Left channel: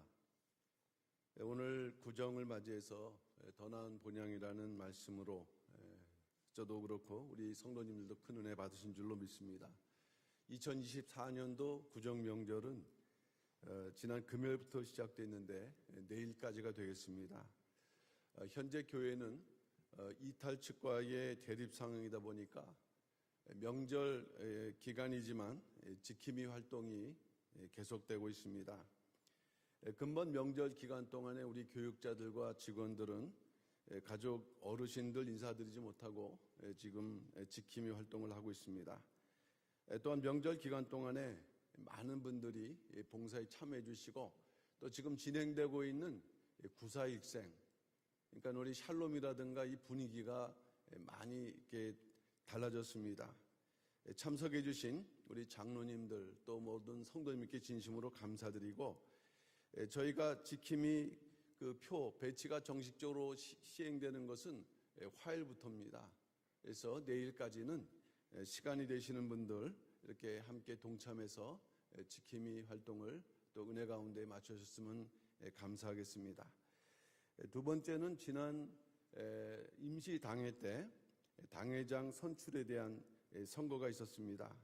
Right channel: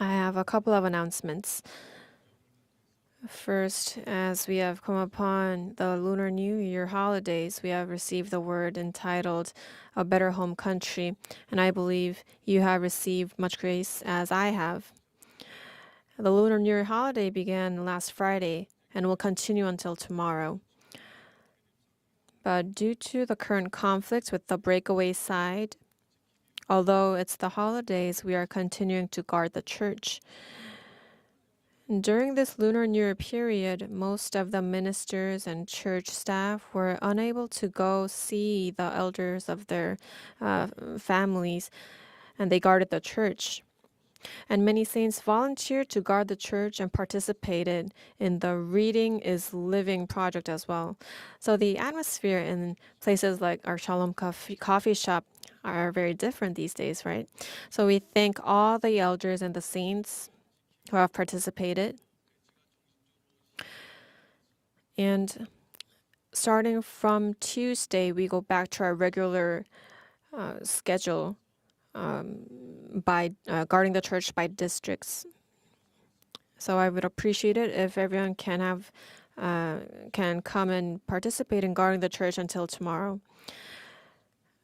I have a couple of announcements. First, as we have come upon the Lunar New Year holidays, we have received the word entitled A Better Home Country, and I believe you have received much grace as I have. The Lunar New Year holiday began last Friday and will continue until tomorrow. But due to the current conflicts with the breakaway side, although it's the holidays, we are continuing to guard the church. During this Lunar New Year period, most of the ministers and church staff were unable to go see the elders of their families, and they guarded the church. And many saints volunteered to guard the church and participated in the Reading is Living project as well. So the atmosphere in places like our Shalom coffee shop are very different these days, right? So we thank all the elders and the saints who have participated. And starting from Tuesday, we go back to our regular schedule by guarding the church by districts. So I would appreciate it if everyone can come and participate in guarding the church until tomorrow.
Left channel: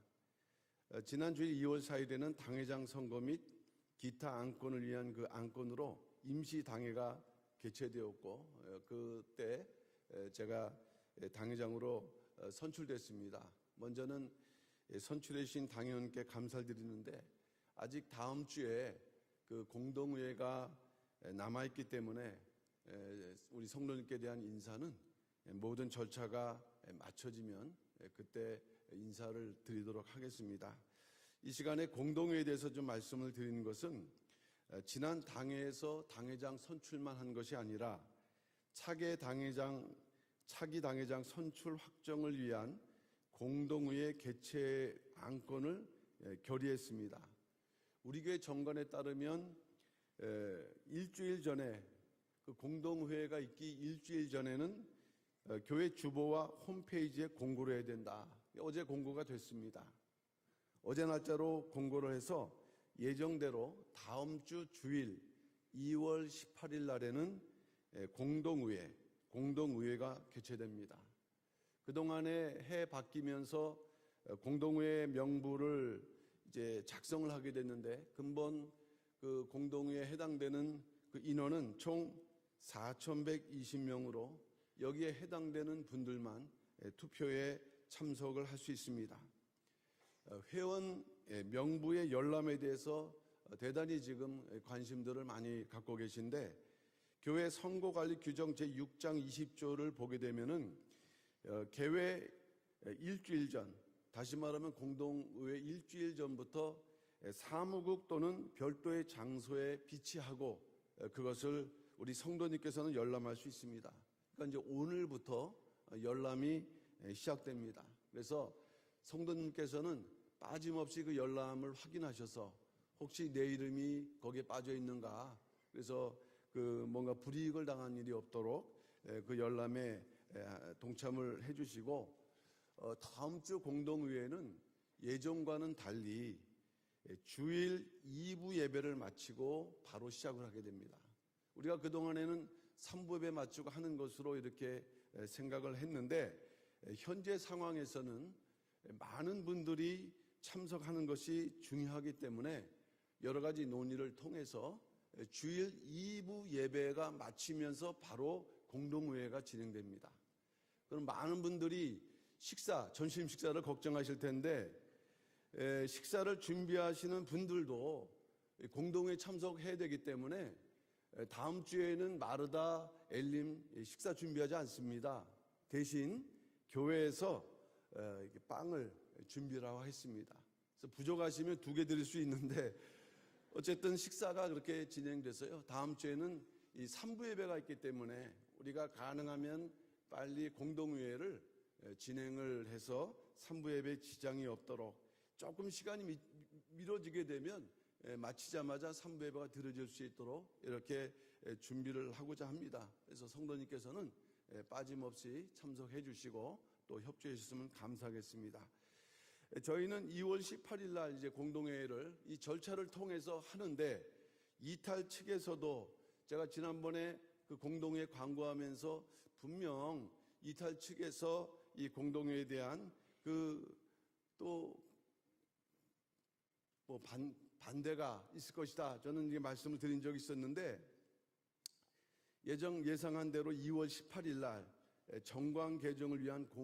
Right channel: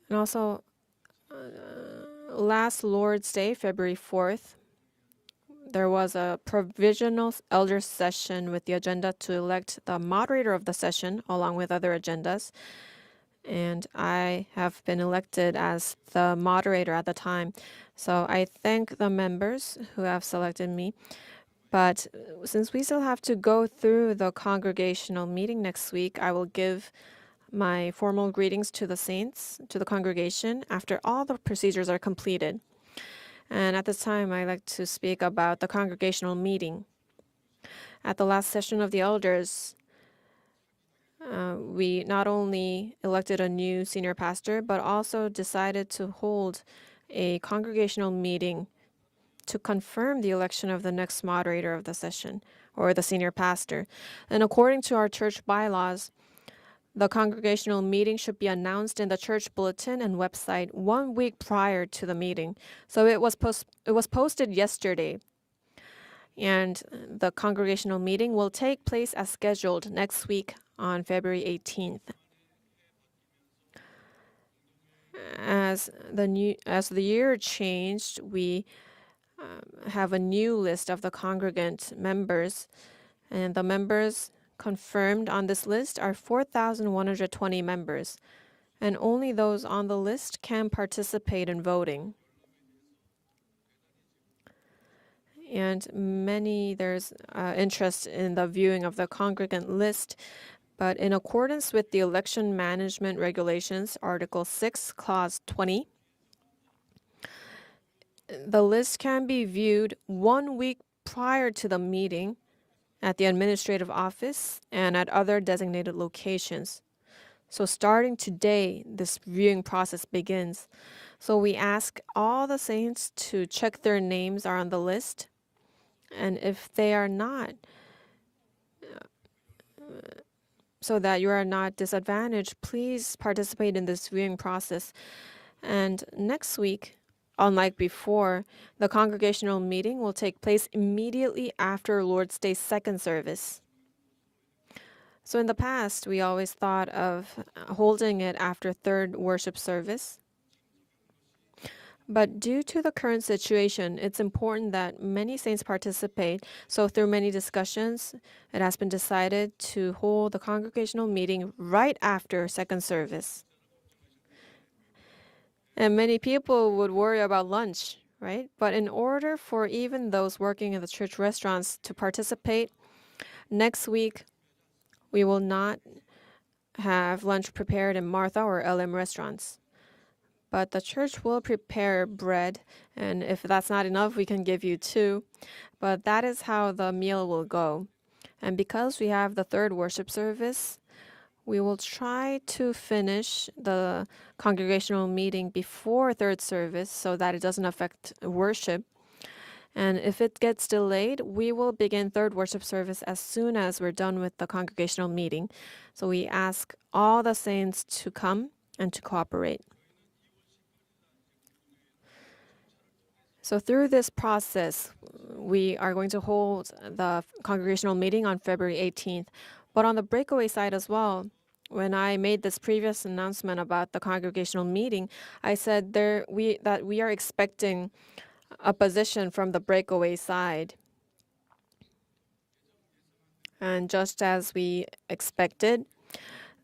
And also, last Lord's Day, February 4th, there was a provisional elder session with the agenda to elect the moderator of the session along with other agendas. And I have been elected as the moderator at the time. So I thank the members who have selected me. But since we still have to go through the congregational meeting next week, I will give my formal greetings to the saints, to the congregation, after all the procedures are completed. And at this time, I'd like to speak about the congregational meeting. At the last session of the elders, we not only elected a new senior pastor, but also decided to hold a congregational meeting to confirm the election of the next moderator of the session, or the senior pastor. And according to our church bylaws, the congregational meeting should be announced in the church bulletin and website 1 week prior to the meeting. So it was posted yesterday. And the congregational meeting will take place as scheduled next week on February 18th. As the year changed, we have a new list of the congregant members, and the members confirmed on this list are 4,120 members, and only those on the list can participate in voting. And there's interest in the viewing of the congregant list, but in accordance with the Election Management Regulations, Article 6, Clause 20, the list can be viewed 1 week prior to the meeting at the administrative office and at other designated locations. So starting today, this viewing process begins. So we ask all the saints to check their names are on the list, and if they are not, so that you are not disadvantaged, please participate in this viewing process. And next week, unlike before, the congregational meeting will take place immediately after Lord's Day second service. So in the past, we always thought of holding it after third worship service. But due to the current situation, it's important that many saints participate. So through many discussions, it has been decided to hold the congregational meeting right after second service. And many people would worry about lunch, right? But in order for even those working in the church restaurants to participate, next week, we will not have lunch prepared in Martha or LM restaurants. But the church will prepare bread, and if that's not enough, we can give you 2. But that is how the meal will go. And because we have the third worship service, we will try to finish the congregational meeting before third service so that it doesn't affect worship. And if it gets delayed, we will begin third worship service as soon as we're done with the congregational meeting. So we ask all the saints to come and to cooperate. So through this process, we are going to hold the congregational meeting on February 18th. But on the breakaway side as well, when I made this previous announcement about the congregational meeting, I said that we are expecting opposition from the breakaway side. And just as we expected,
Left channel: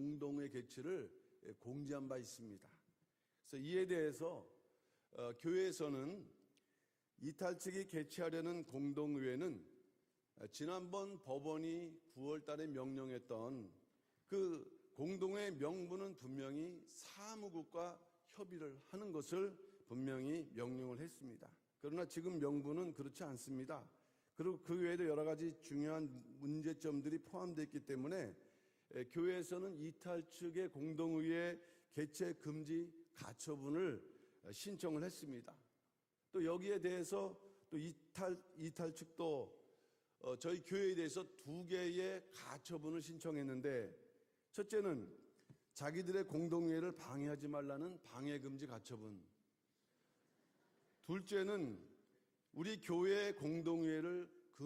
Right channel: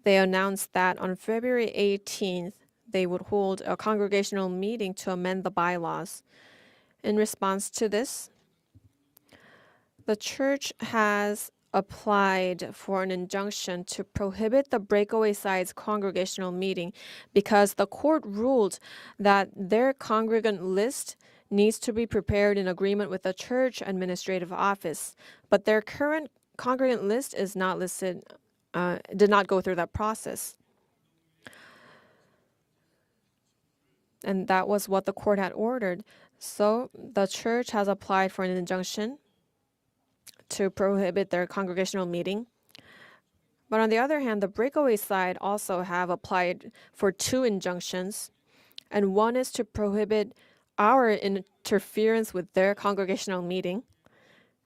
they announced that on February 18th, they would hold a congregational meeting to amend the bylaws. In response to this, the church has applied for an injunction to prohibit the breakaway side's congregational meeting because the court ruled that their congregant list needs to be prepared in agreement with the church administrative office. But their current congregant list is not listed, did not go through that process. And that was what the court had ordered. So the church has applied for an injunction to prohibit their congregational meeting. But on the other hand, the breakaway side also have applied for 2 injunctions, and one is to prohibit our interference with their congregational meeting,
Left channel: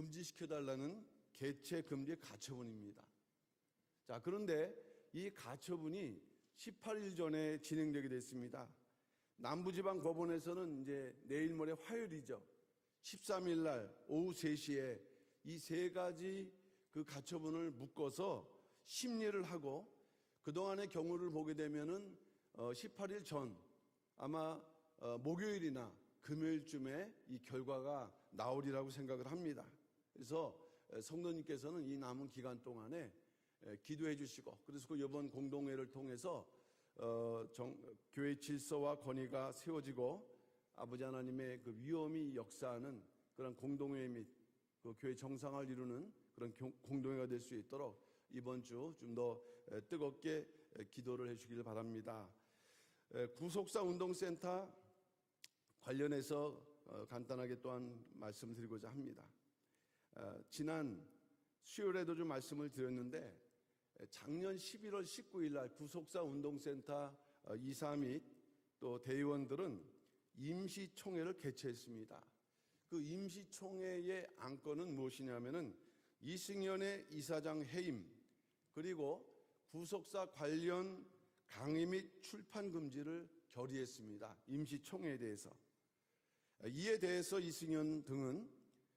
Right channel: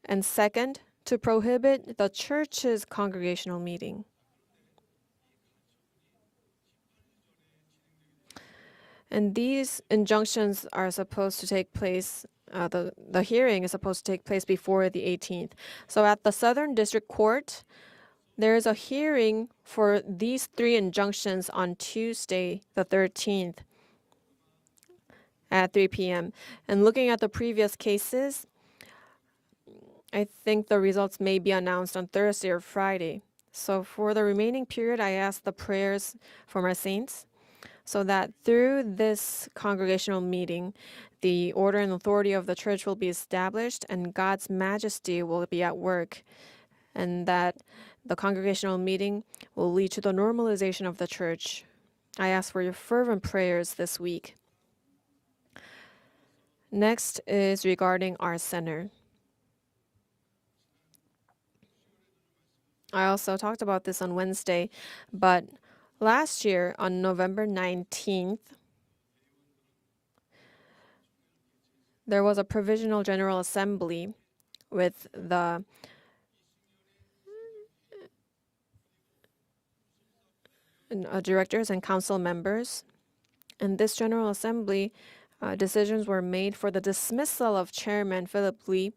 and second, to prohibit the church's congregational meeting. And these injunctions are supposed to take place, the hearing is supposed to take place before the 18th. So at the Southern District Court, there is a hearing for these 3 injunctions on Tuesday, the 13th, at 3 p.m. And looking at the previous cases, I think the results may be announced on Thursday or Friday. So for the remaining period, I ask the prayers from our saints so that through this congregational meeting, the order and authority of the church will be established and God's majesty will be at work, and that the congregational meeting will lead to the normalization of the church. I ask for your fervent prayers this week. Next is regarding our center. I also talked about this on Wednesday, but last year on November 19th, there was a provisional general assembly with the directors and council members. In this General Assembly, decisions were made for the dismissal of Chairman Philip Lee,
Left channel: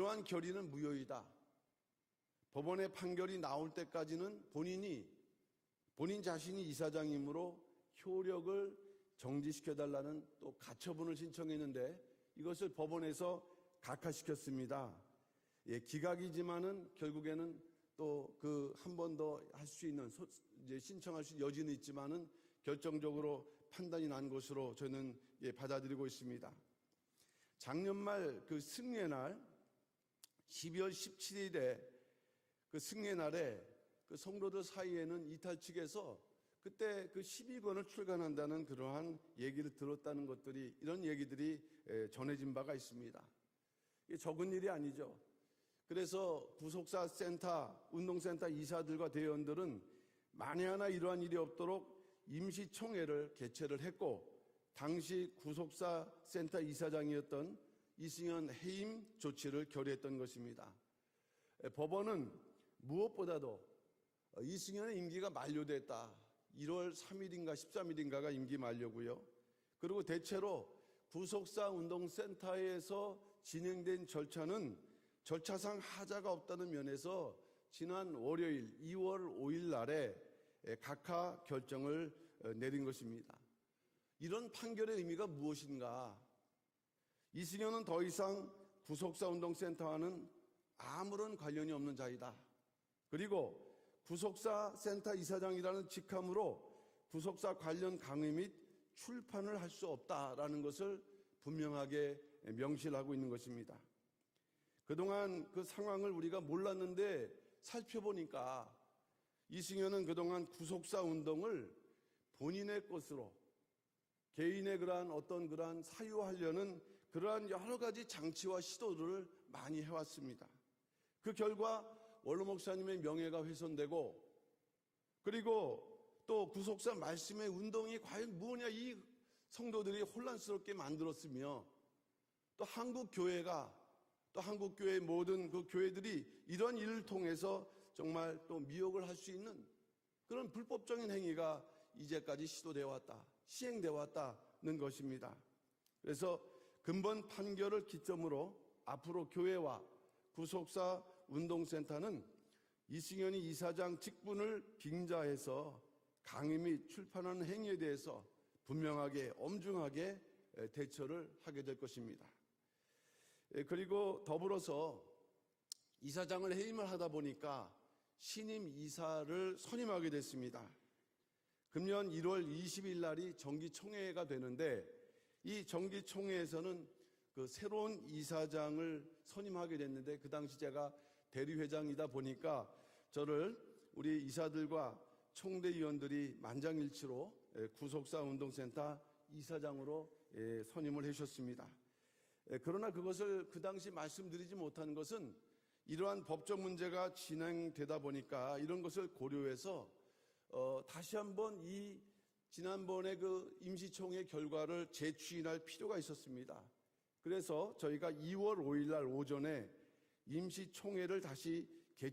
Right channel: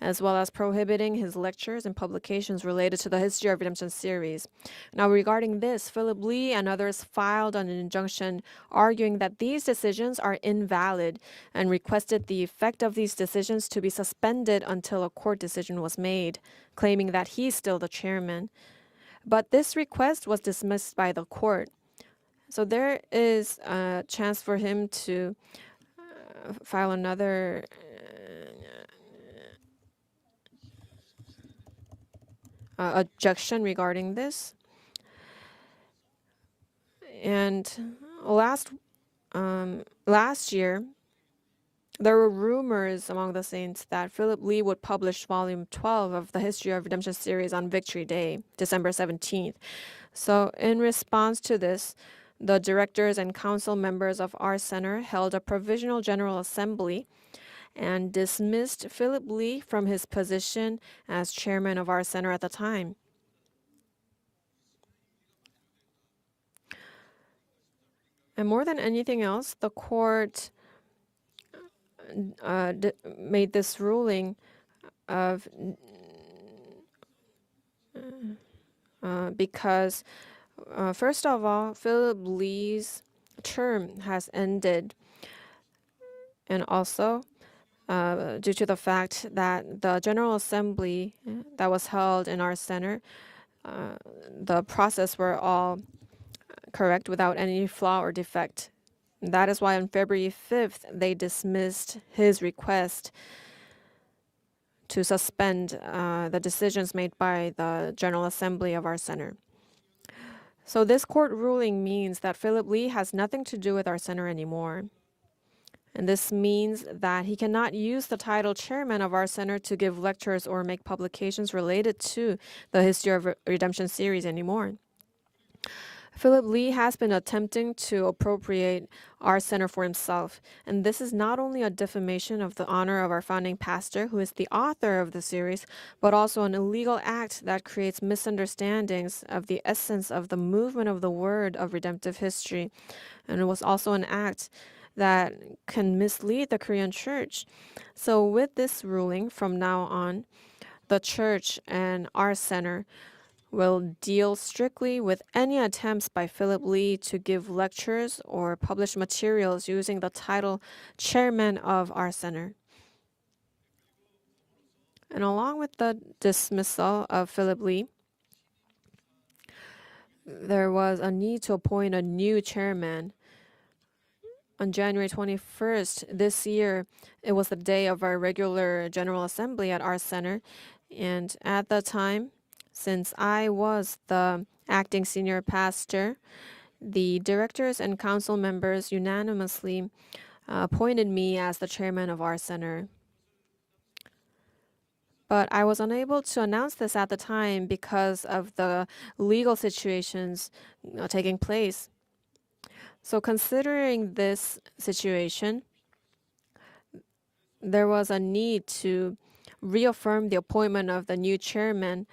as well as prohibiting his lectures and publications related to the History of Redemption series. Now, regarding this, Philip Lee and others filed an injunction arguing that these decisions are invalid and requested the effect of these decisions to be suspended until a court decision was made, claiming that he's still the chairman. But this request was dismissed by the court. So there is a chance for him to file another objection regarding this. And last year, there were rumors among the saints that Philip Lee would publish Volume 12 of the History of Redemption series on Victory Day, December 17th. So in response to this, the directors and council members of our center held a provisional general assembly and dismissed Philip Lee from his position as chairman of our center at the time. And more than anything else, the court made this ruling of because first of all, Philip Lee's term has ended, and also due to the fact that the General Assembly that was held in our center, the process were all correct without any flaw or defect. That is why on February 5th, they dismissed his request to suspend the decisions made by the General Assembly of our center. So this court ruling means that Philip Lee has nothing to do with our center anymore. And this means that he cannot use the title chairman of our center to give lectures or make publications related to the History of Redemption series anymore. Philip Lee has been attempting to appropriate our center for himself, and this is not only a defamation of the honor of our founding pastor, who is the author of the series, but also an illegal act that creates misunderstandings of the essence of the movement of the word of redemptive history. And it was also an act that can mislead the Korean church. So, with this ruling from now on, the church and our center will deal strictly with any attempts by Philip Lee to give lectures or publish materials using the title chairman of our center. And along with the dismissal of Philip Lee, there was a need to appoint a new chairman. On January 21st this year, it was the day of our regular General Assembly at our center. And at the time, since I was the acting senior pastor, the directors and council members unanimously appointed me as the chairman of our center. But I was unable to announce this at the time because of the legal situations taking place. So considering this situation, there was a need to reaffirm the appointment of the new chairman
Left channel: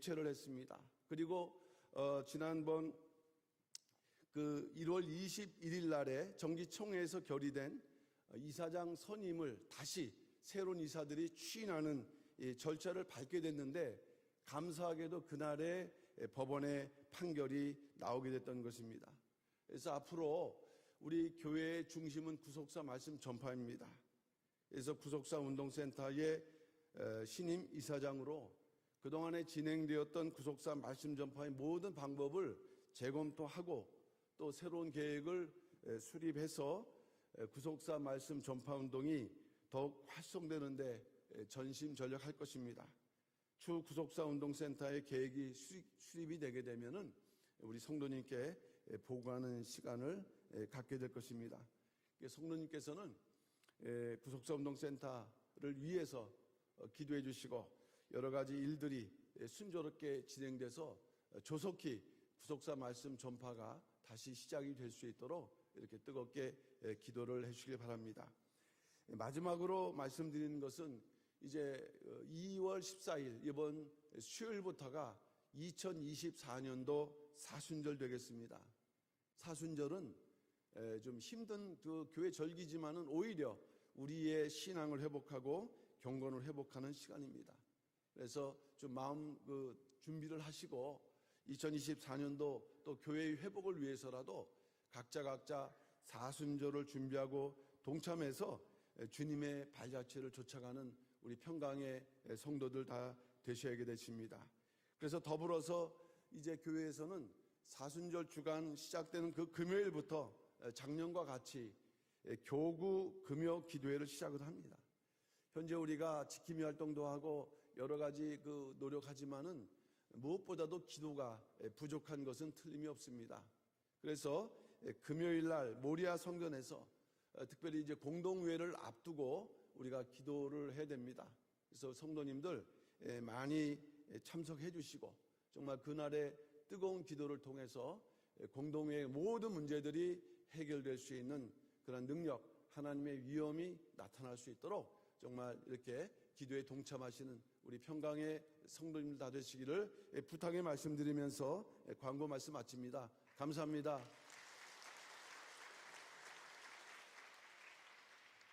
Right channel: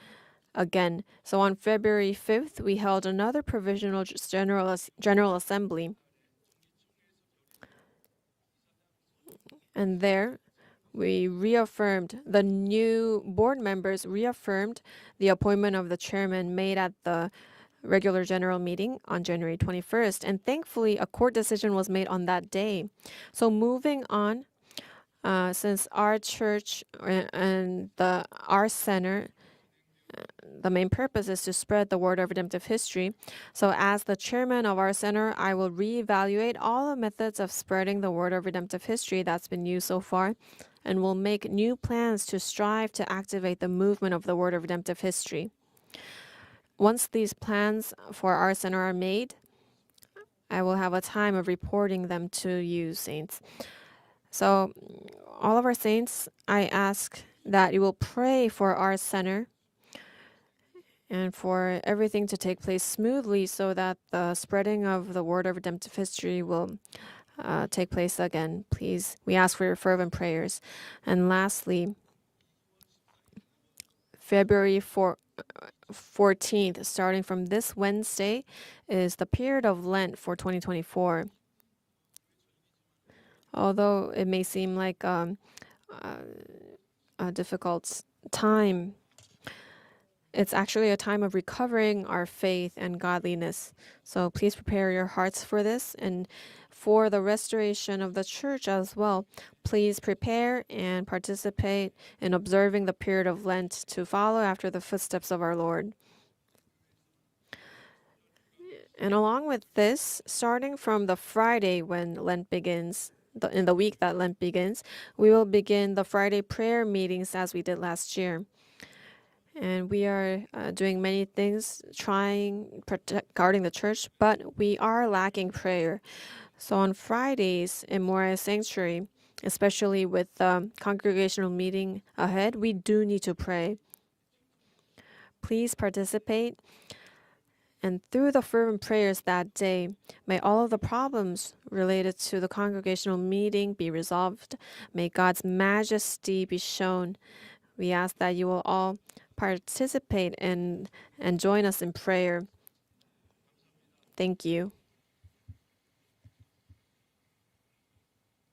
again. So on February 5th, we held another provisional General Assembly. And there, we reaffirmed, the new board members reaffirmed the appointment of the chairman made at the regular general meeting on January 21st. And thankfully, a court decision was made on that day. So moving on, since our church and our center, the main purpose is to spread the word of redemptive history. So as the chairman of our center, I will reevaluate all the methods of spreading the word of redemptive history that's been used so far, and will make new plans to strive to activate the movement of the word of redemptive history. Once these plans for our center are made, I will have a time of reporting them to you, saints. So, all of our saints, I ask that you will pray for our center and for everything to take place smoothly so that the spreading of the word of redemptive history will take place again. Please, we ask for your fervent prayers. And lastly, February 14th, starting from this Wednesday, is the period of Lent for 2024. Although it may seem like a difficult time, it's actually a time of recovering our faith and godliness. So please prepare your hearts for this, and for the restoration of the church as well. Please prepare and participate in observing the period of Lent to follow after the footsteps of our Lord. And along with this, starting from the Friday when Lent begins, in the week that Lent begins, we will begin the Friday prayer meetings as we did last year. And we are doing many things, guarding the church, but we are lacking prayer. So on Fridays in Moriah Sanctuary, especially with the congregational meeting ahead, we do need to pray. Please participate. And through the fervent prayers that day, may all of the problems related to the congregational meeting be resolved. May God's majesty be shown. We ask that you will all participate and join us in prayer. Thank you.